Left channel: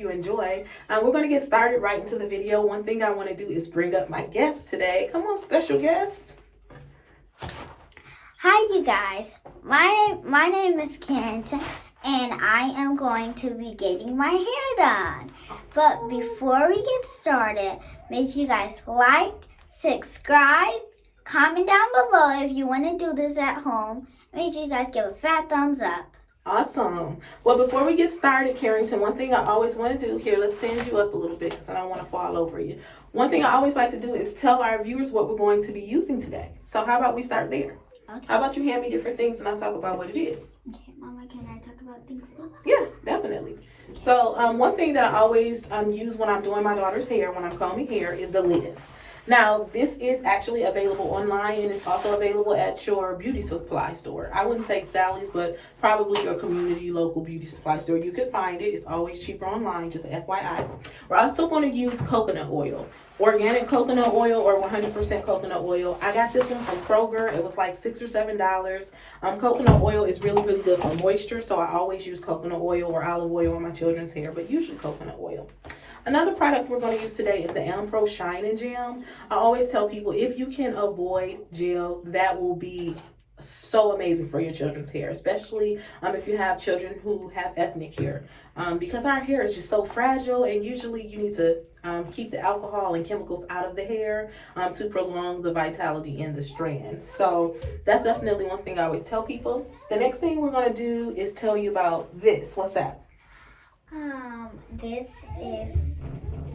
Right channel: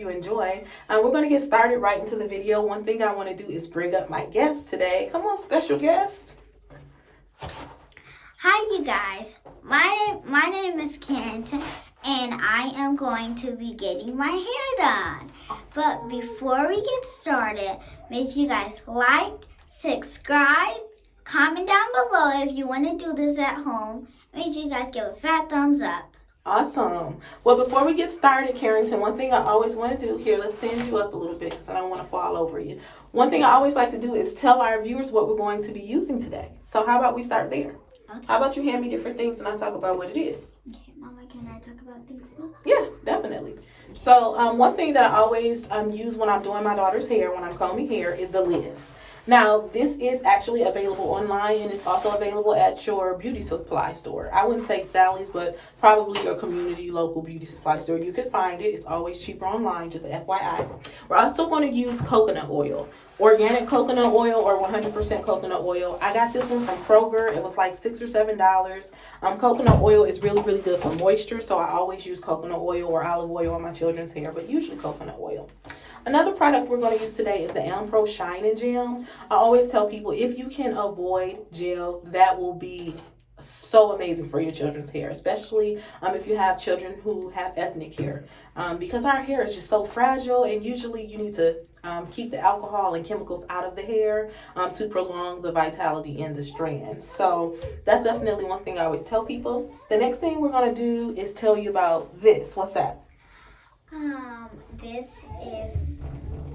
you enjoy. We're going to get started right into the video. One thing I want to do is bring up my guest today. Come on, special guest. Hi, you guys. My name is Keri, and I am going to be getting my hair done. But before we get started, make sure you guys like, subscribe, comment down below if you want to do this at home. Make sure you guys give a fat thumbs up. Awesome. Well, before we get started, Carrington, one thing I always want to do here, let's stand you up a little bit because I don't want to fall over you. One thing I always like to do is tell our viewers what we're going to be using today. So how about we start there? Okay. How about you hand me different things and I talk about what it is? Okay, Mama, can I talk about things too? Yeah, definitely. So one thing that I always use when I'm doing my daughter's hair, when I'm combing hair, is the lid. Now, this is actually available online and it's also available at your beauty supply store. I wouldn't say Sally's, but probably your community local beauty supply store. You could find it. It's always cheaper online, just FYI. We're also going to use coconut oil. Organic coconut oil or 100% coconut oil. I got this one from Kroger. It was like $6 or $7. Coconut oil is really, really good for moisture, so I always use coconut oil or olive oil on my children's hair, but usually coconut oil. Another product we're going to use today is the Pro Shine and Gel. I always tell people if you can avoid gel, that will be so amazing for your children's hair, especially if you have children who have ethnic hair, because our hair is just so fragile, and usually you need to keep the alcohol and chemicals out of the hair to prolong the vitality in the strand. So that's definitely one thing I always tell people. The next thing we're going to do is tell you about this. What's that? This is...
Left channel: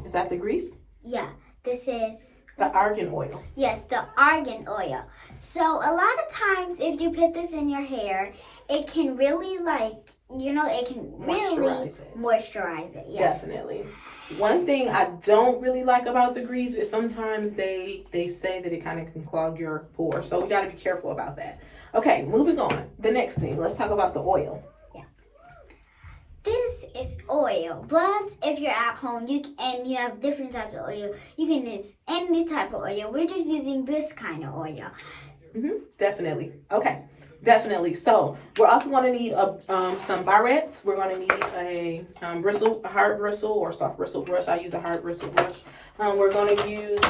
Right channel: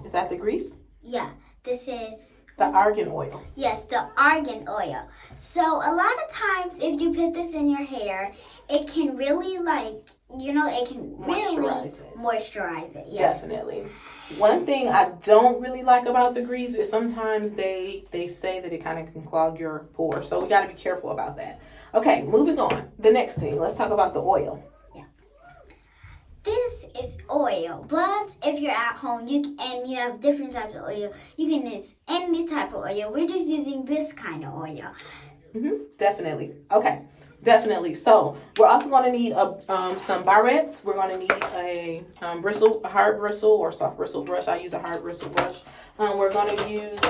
Is that the grease? Yeah, this is... The argan oil. Yes, the argan oil. So a lot of times if you put this in your hair, it can really it can really moisturize it. Yes. Definitely. One thing I don't really like about the grease is sometimes they say that it kind of can clog your pores. So we got to be careful about that. Okay, moving on. The next thing, let's talk about the oil. This is oil, but if you're at home and you have different types of oil, you can use any type of oil. We're just using this kind of oil. Definitely. Okay, definitely. So we're also going to need some barrettes. We're going to need a hard bristle or soft bristle brush. I use a hard bristle brush. We're going to use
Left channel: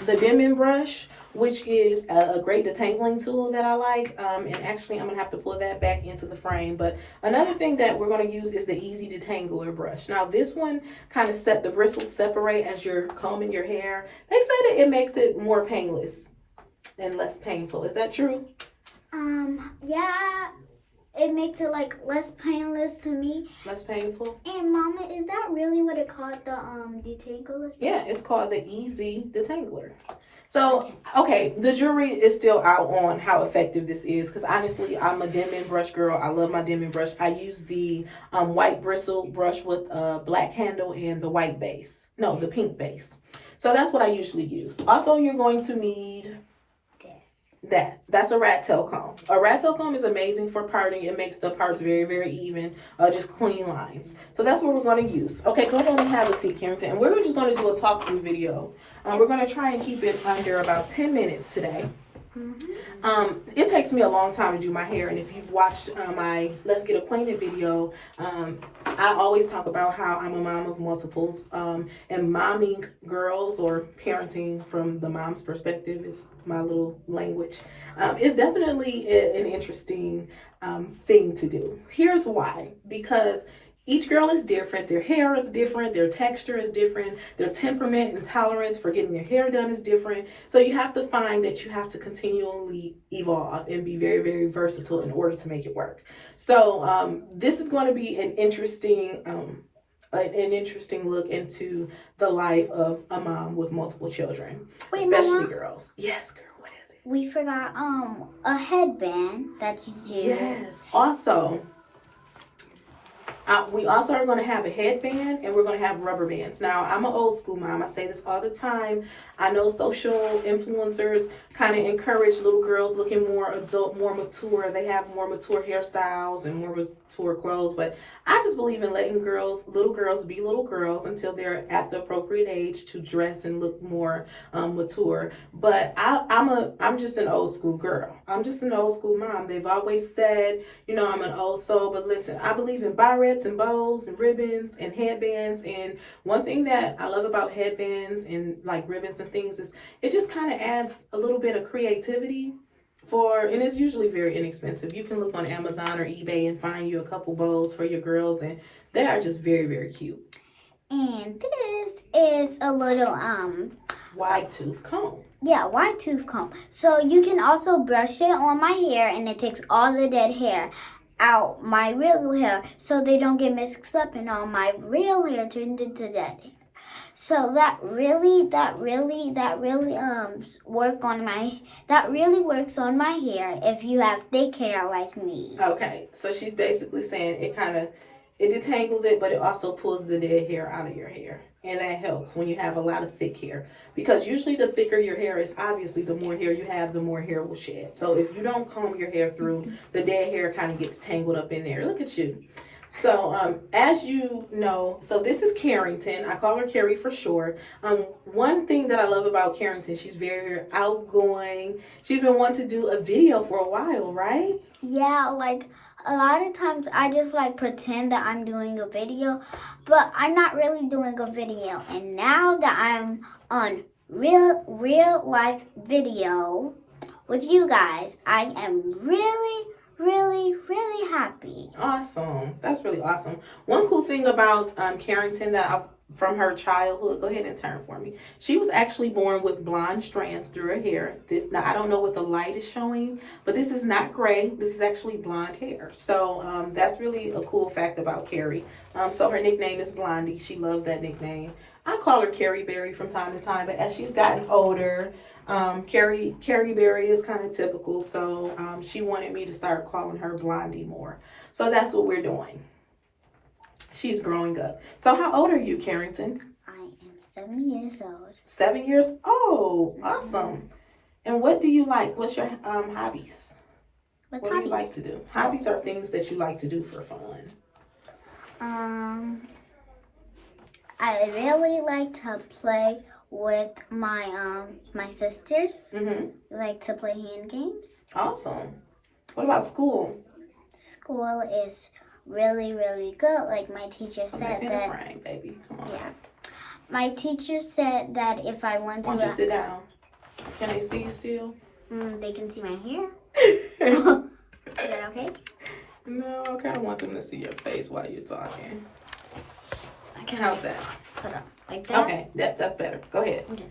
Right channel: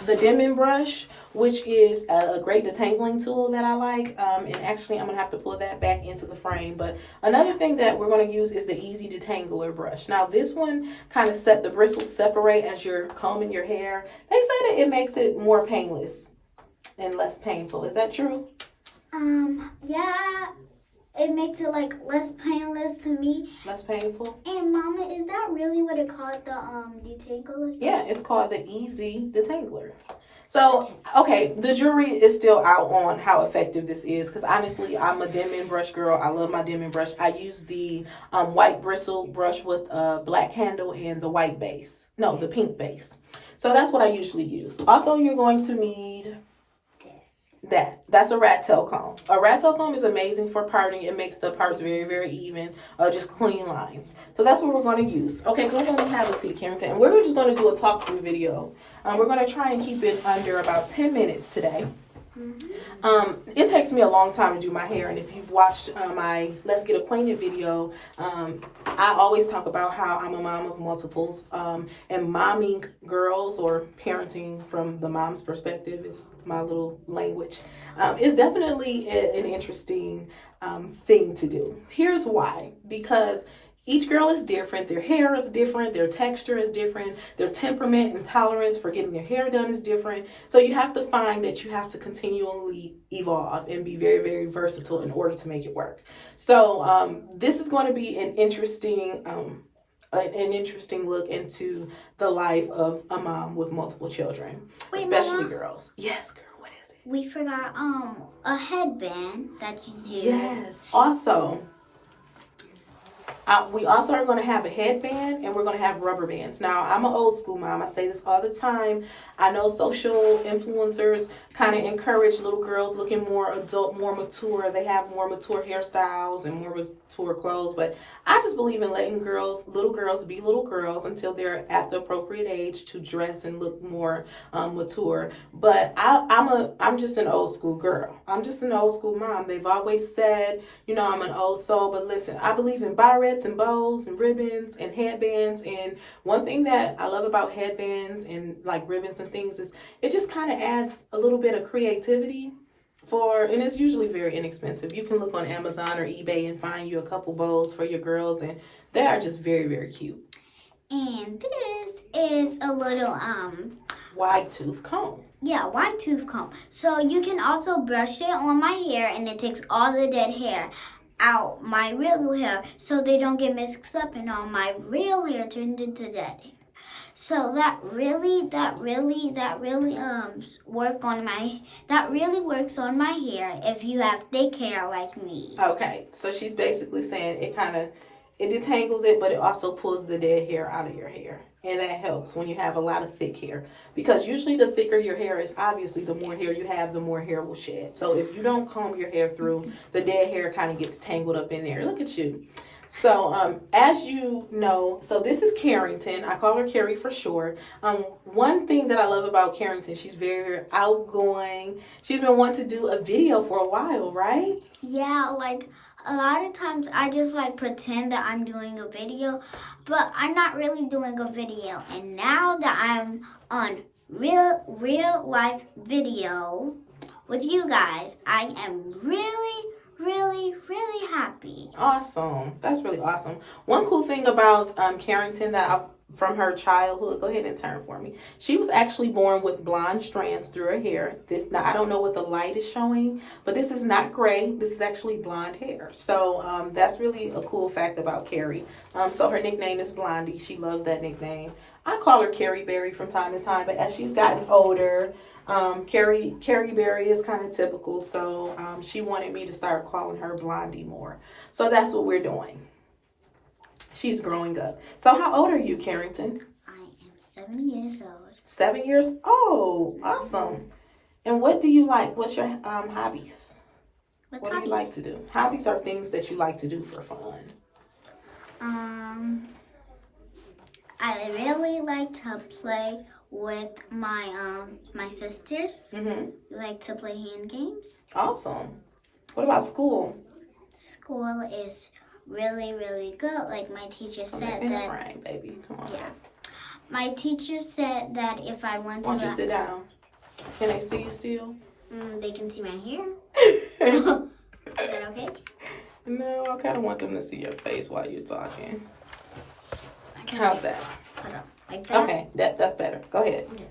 the Denman brush, which is a great detangling tool that I like. And actually, I'm going to have to pull that back into the frame. But another thing that we're going to use is the EZ Detangler brush. Now, this one kind of the bristles separate as you're combing your hair. They say that it makes it more painless and less painful. Is that true? Yeah. It makes it less painless to me. Less painful? And Mama, is that really what it called, the detangler? Yeah, it's called the EZ Detangler. So, okay, the jury is still out on how effective this is because honestly, I'm a Denman brush girl. I love my Denman brush. I use the white bristle brush with a black handle and the white base. No, the pink base. So that's what I usually use. Also, you're going to need that's a rat tail comb. A rat tail comb is amazing for parting. It makes the parts very, very even, just clean lines. So that's what we're going to use. Okay, go ahead and have a seat, Carrington. And we're just going to do a talk through video. We're going to try and keep it under about 10 minutes today. It takes me a long time to do my hair, and if you've watched my Let's Get Acquainted video, I always talk about how I'm a mom of multiples, and momming girls, or parenting from the mom's perspective is my little language. It's definitely an interesting thing to do. Here's why. Because each girl is different. Their hair is different. Their texture is different. Their temperament and tolerance for getting their hair done is different. So you have to find that you have to continually evolve and be very, very versatile in order to make it work. So this is going to be an interesting look into the life of a mom with multiple children, especially Mama? Girls. Yes, girl. What is it? We forgot a headband that you do. Yes. Also, we also are going to have a headband and we're going to have rubber bands. Now, I'm an old school mom. I say this all the time. I know social influencers kind of encourage little girls looking more adult, more mature. They have more mature hairstyles and more mature clothes. But I just believe in letting little girls be little girls until they're at the appropriate age to dress and look more mature. But I'm just an old school girl. I'm just an old school mom. They've always said, I'm an old soul. But listen, I believe in barrettes. threads and bows and ribbons and headbands. And one thing that I love about headbands and like ribbons and things is it just kind of adds a little bit of creativity and it's usually very inexpensive. You can look on Amazon or eBay and find you a couple bows for your girls, and they are just very, very cute. And this is a little wide tooth comb. Yeah, wide tooth comb. So you can also brush it on my hair, and it takes all the dead hair out my real hair, so they don't get mixed up, and all my real hair turned into dead hair. So that really works on my hair if you have thick hair like me. Okay, so she's basically saying it detangles it, but it also pulls the dead hair out of your hair. And that helps when you have a lot of thick hair. Because usually the thicker your hair is, obviously the more hair you have, the more hair will shed. So if you don't comb your hair through, the dead hair kind of gets tangled up in there. Look at you. So as you know, so this is Carrington. I call her Keri for short. One thing that I love about Carrington, she's very, very outgoing. She's been wanting to do a video for a while, right? Yeah, like a lot of times I just like pretend that I'm doing a video, but I'm not really doing a video. And now that I'm on real life video with you guys, I am really happy. Awesome. That's really awesome. One cool thing about Carrington from her childhood, go ahead and turn for me. She was actually born with blonde strands through her hair. Now I don't know what the light is showing, but this is not gray. This is actually blonde hair. So that's really a cool fact about Keri. So her nickname is Blondie. She loves that nickname. I call her Keri Berry from time to time, but as she's gotten older, Keri Berry is kind of typical, so she wanted me to start calling her Blondie more. So that's what we're doing. She's growing up. So how old are you, Carrington? I am 7 years old. 7 years old. Awesome. And what do you like? What's your hobbies? What do you like to do? Hobbies are things that you like to do for fun. I really like to play with my sisters. Mm-hmm. We like to play hand games. Awesome. What about school? School is really good. Like my teacher said that. Right, baby. Come on. Yeah. My teacher said that if I want to. Why don't you sit down? Can they see you still? They can see my hair. Is that okay? No, I kind of want them to see your face while you're talking. Okay. How's that? Put up like that. Okay, that's better. Go ahead. Okay.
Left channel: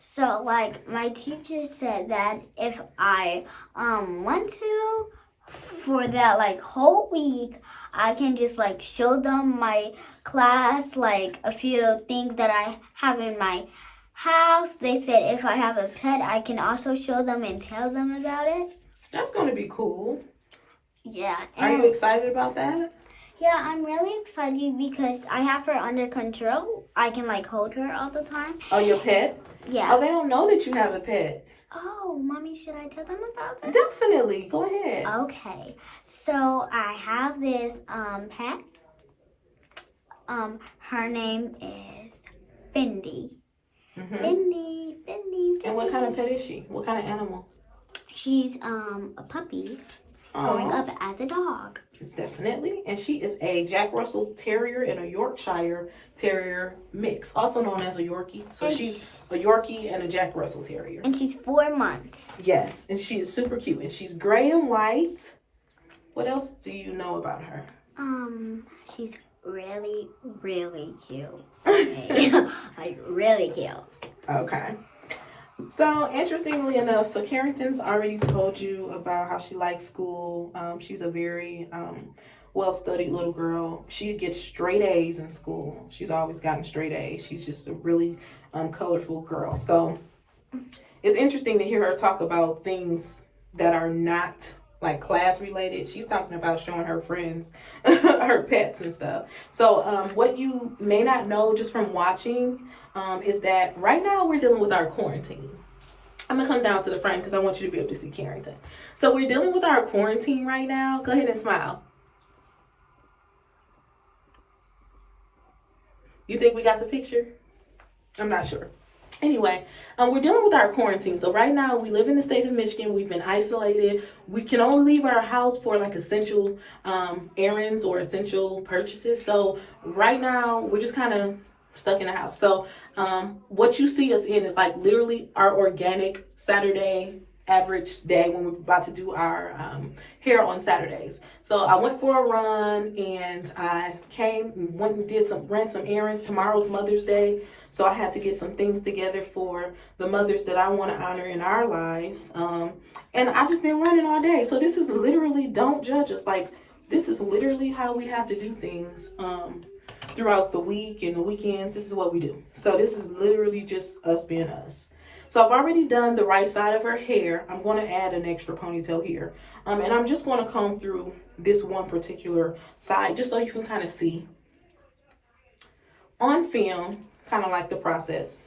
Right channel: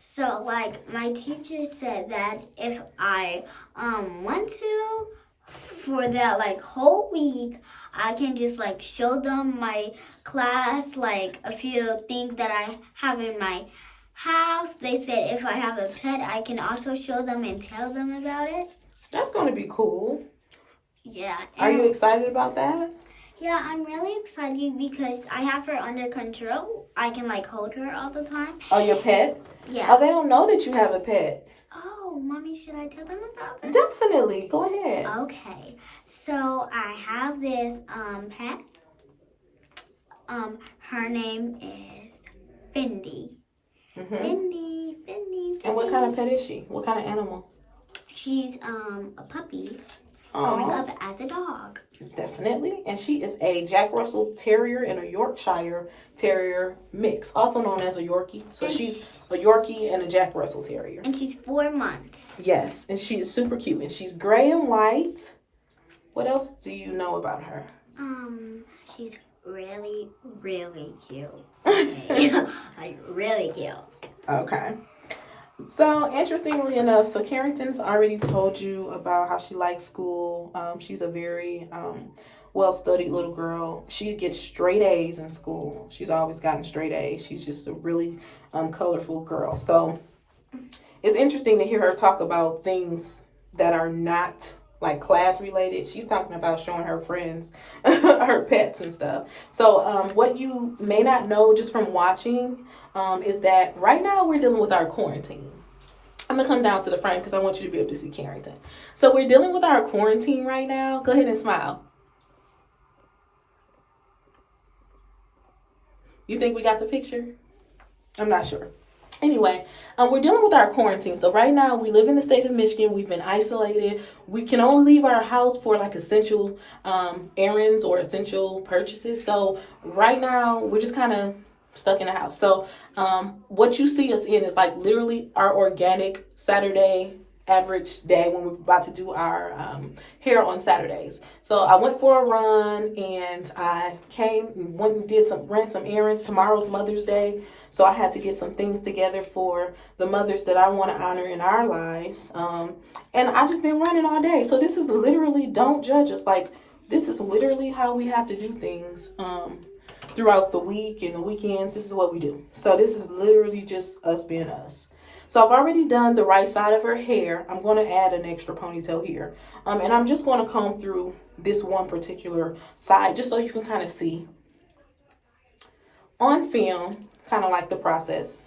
So, like, my teacher said that if I want to, for that, like, whole week, I can just, like, show them my class, like, a few things that I have in my house. They said if I have a pet, I can also show them and tell them about it. That's going to be cool. Yeah. Are you excited about that? Yeah, I'm really excited because I have her under control. I can, like, hold her all the time. Oh, your pet? Yeah. Oh, they don't know that you have a pet. Oh, Mommy, should I tell them about that? Definitely. Go ahead. Okay. So, I have this pet. Her name is Fendi. Mm-hmm. Fendi. And what kind of pet is she? What kind of animal? She's a puppy growing up as a dog. Definitely. And she is a Jack Russell Terrier and a Yorkshire Terrier mix, also known as a Yorkie. So she's a Yorkie and a Jack Russell Terrier. And she's 4 months. Yes, and she is super cute. And she's gray and white. What else do you know about her? She's really cute. Okay. Like, really cute. Okay. So, interestingly enough, so Carrington's already told you about how she likes school. She's a very well-studied little girl. She gets straight A's in school. She's always gotten straight A's. She's just a really colorful girl. So, it's interesting to hear her talk about things that are not like class related. She's talking about showing her friends her pets and stuff. So what you may not know just from watching is that right now we're dealing with our quarantine. I'm gonna come down to the frame because I want you to be able to see Carrington. So we're dealing with our quarantine right now. Go ahead and smile. You think we got the picture? I'm not sure. Anyway, we're dealing with our quarantine. So right now we live in the state of Michigan. We've been isolated. We can only leave our house for like essential errands or essential purchases. So right now we're just kind of stuck in the house. So what you see us in is like literally our organic Saturday average day when we're about to do our hair on Saturdays. So I went for a run and I went and ran some errands. Tomorrow's Mother's Day. So I had to get some things together for the mothers that I want to honor in our lives. And I just been running all day. So this is literally, don't judge us. Like, this is literally how we have to do things throughout the week and the weekends. This is what we do. So this is literally just us being us. So I've already done the right side of her hair. I'm going to add an extra ponytail here. And I'm just going to comb through this one particular side just so you can kind of see on film, kind of like the process.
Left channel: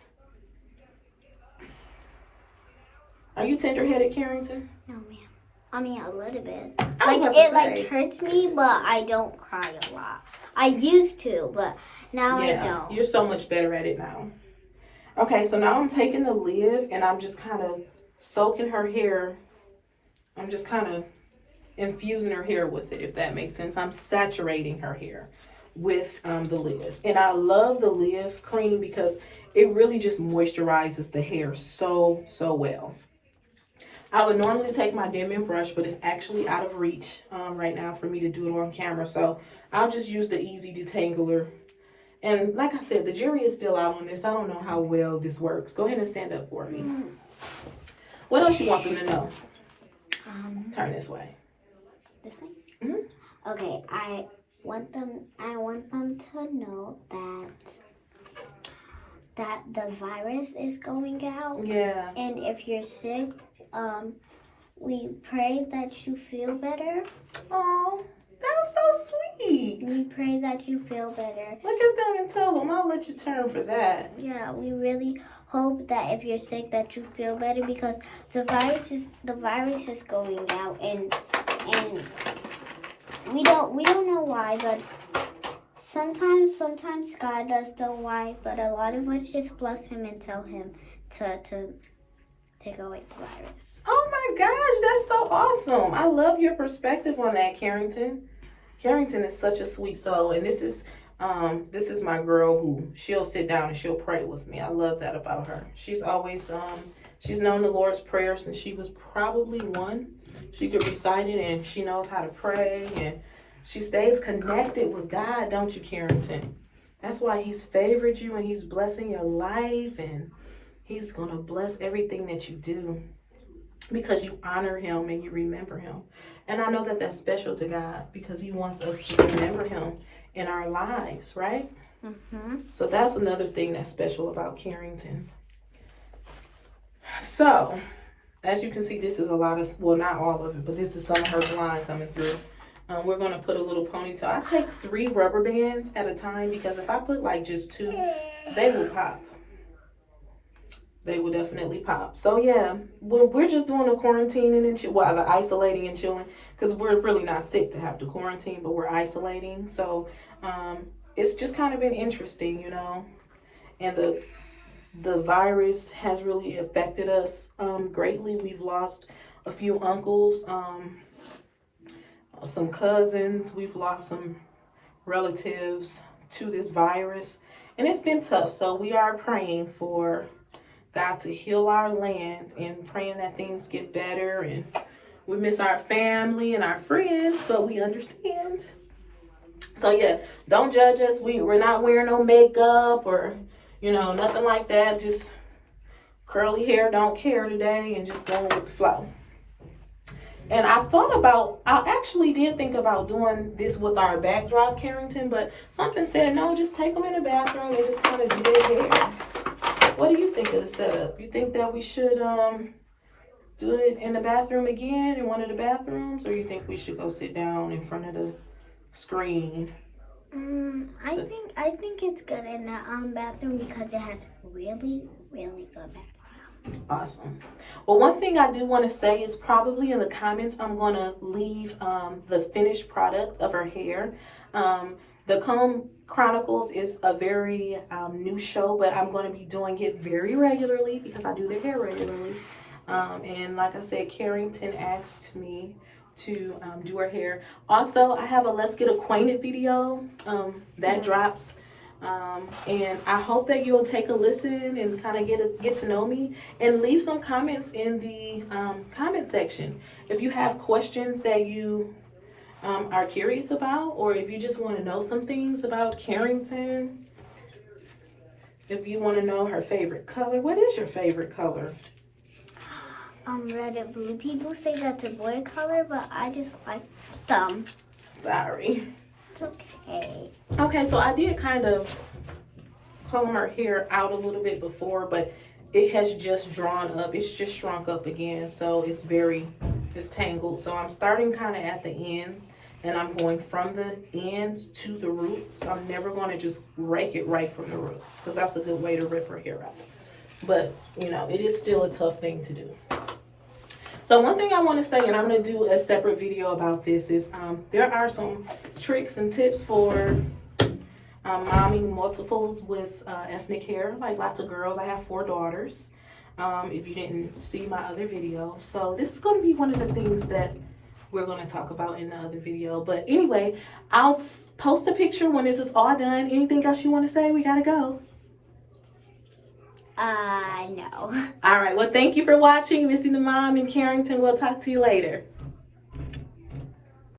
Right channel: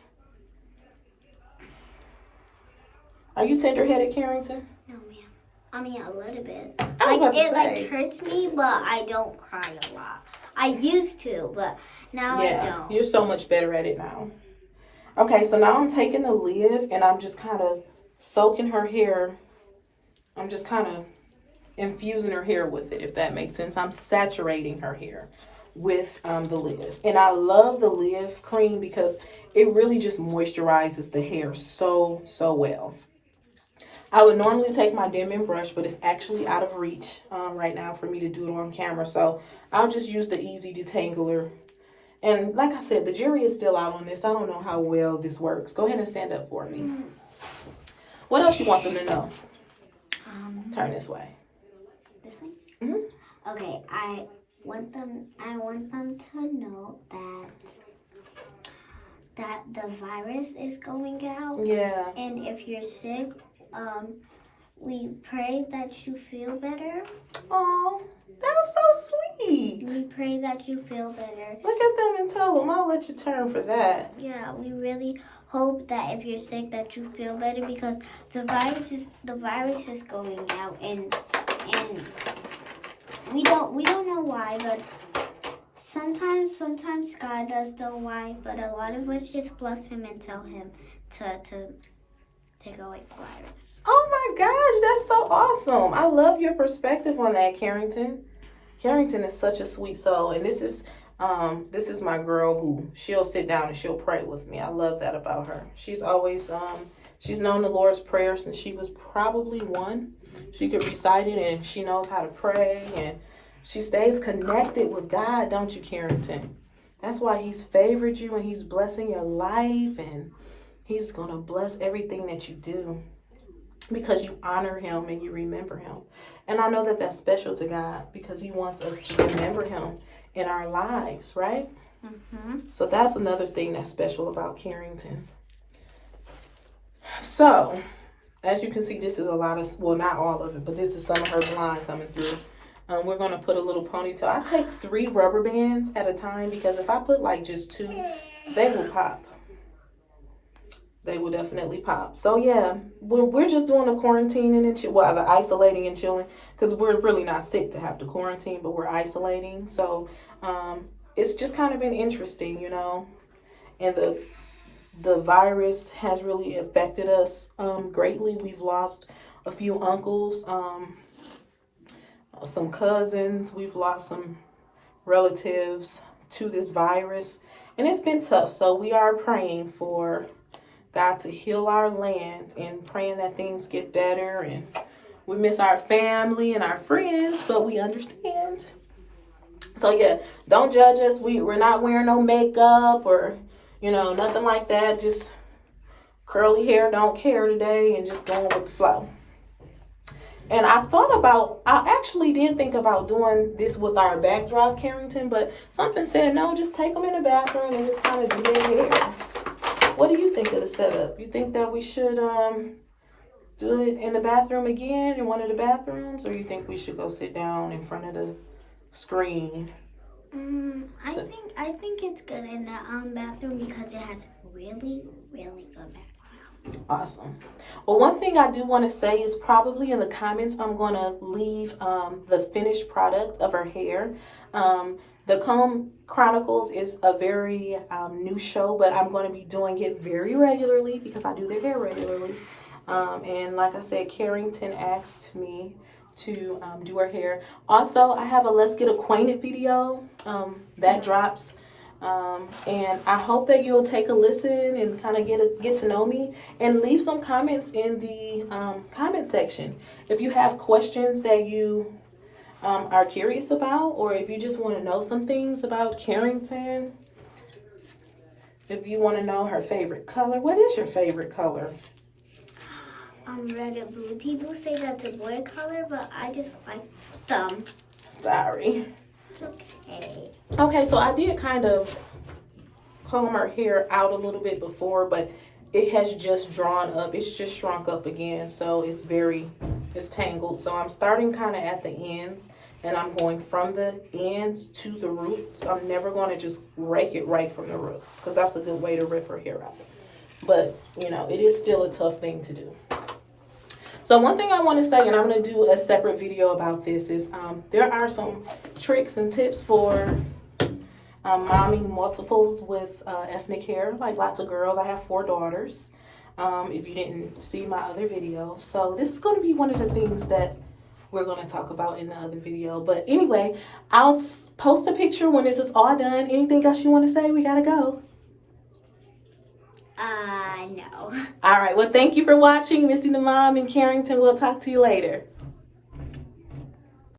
Are you tender-headed, Carrington? No, ma'am. I mean, a little bit. Like hurts me, but I don't cry a lot. I used to, but now I don't. You're so much better at it now. Okay, so now I'm taking the lid and I'm just kind of soaking her hair. I'm just kind of infusing her hair with it, if that makes sense. I'm saturating her hair with the Live. And I love the Live cream because it really just moisturizes the hair so well. I would normally take my Denman brush, but it's actually out of reach right now for me to do it on camera. So I'll just use the EZ Detangler. And like I said, the jury is still out on this. I don't know how well this works. Go ahead and stand up for me. What else you want them to know? Turn this way. This way? Mm-hmm. Okay, I want them to know that the virus is going out. Yeah. And if you're sick, we pray that you feel better. Oh, that's so sweet. We pray that you feel better. Look at them and tell them. I'll let you turn for that. Yeah, we really hope that if you're sick that you feel better because the virus is going out and we don't know why, but sometimes God does know why, but a lot of us just bless him and tell him to take away the virus. Oh my gosh, that's so awesome. I love your perspective on that, Carrington. Carrington is such a sweet soul, and this is my girl who she'll sit down and she'll pray with me. I love that about her. She's always she's known the Lord's Prayer since she was probably 1. She could recite it and she knows how to pray and she stays connected with God, don't you, Carrington? That's why he's favored you and he's blessing your life and he's going to bless everything that you do because you honor him and you remember him. And I know that that's special to God because he wants us to remember him in our lives, right? Mm-hmm. So that's another thing that's special about Carrington. So, as you can see, this is a lot of, well, not all of it, but this is some of her blonde coming through. We're going to put a little ponytail. I take 3 rubber bands at a time because if I put like just 2, they will pop. They will definitely pop. So yeah, we're just doing the quarantining and the isolating and chilling because we're really not sick to have to quarantine, but we're isolating. So it's just kind of been interesting, you know. And the virus has really affected us greatly. We've lost a few uncles, some cousins. We've lost some relatives to this virus, and it's been tough. So we are praying for God to heal our land and praying that things get better. And we miss our family and our friends, but we understand. So yeah, don't judge us. We're not wearing no makeup or, you know, nothing like that. Just curly hair, don't care today, and just going with the flow. And I actually did think about doing this with our backdrop, Carrington, but something said, no, just take them in the bathroom and just kind of do their hair. What do you think of the setup? You think that we should do it in the bathroom again, in one of the bathrooms, or you think we should go sit down in front of the screen? I think it's good in the bathroom because it has really, really good background. Awesome. Well, one thing I do want to say is probably in the comments I'm going to leave the finished product of her hair. The Comb Chronicles is a very new show, but I'm going to be doing it very regularly because I do their hair regularly. And like I said, Carrington asked me to do her hair. Also, I have a Let's Get Acquainted video that drops. And I hope that you'll take a listen and kind of get to know me and leave some comments in the comment section. If you have questions that you are curious about, or if you just want to know some things about Carrington, if you want to know her favorite color. What is your favorite color? Red and blue. People say that's a boy color, but I just like them. Sorry. It's okay. Okay, so I did kind of comb her hair out a little bit before, but it has just drawn up. It's just shrunk up again, so it's tangled. So I'm starting kind of at the ends, and I'm going from the ends to the roots. I'm never going to just rake it right from the roots because that's a good way to rip her hair out. But, you know, it is still a tough thing to do. So one thing I want to say, and I'm going to do a separate video about this, is there are some tricks and tips for momming multiples with ethnic hair, like lots of girls. I have 4 daughters, if you didn't see my other video. So this is going to be one of the things that we're going to talk about in the other video. But anyway, I'll post a picture when this is all done. Anything else you want to say? We got to go. No. All right. Well, thank you for watching Missy the Mom in Carrington. We'll talk to you later.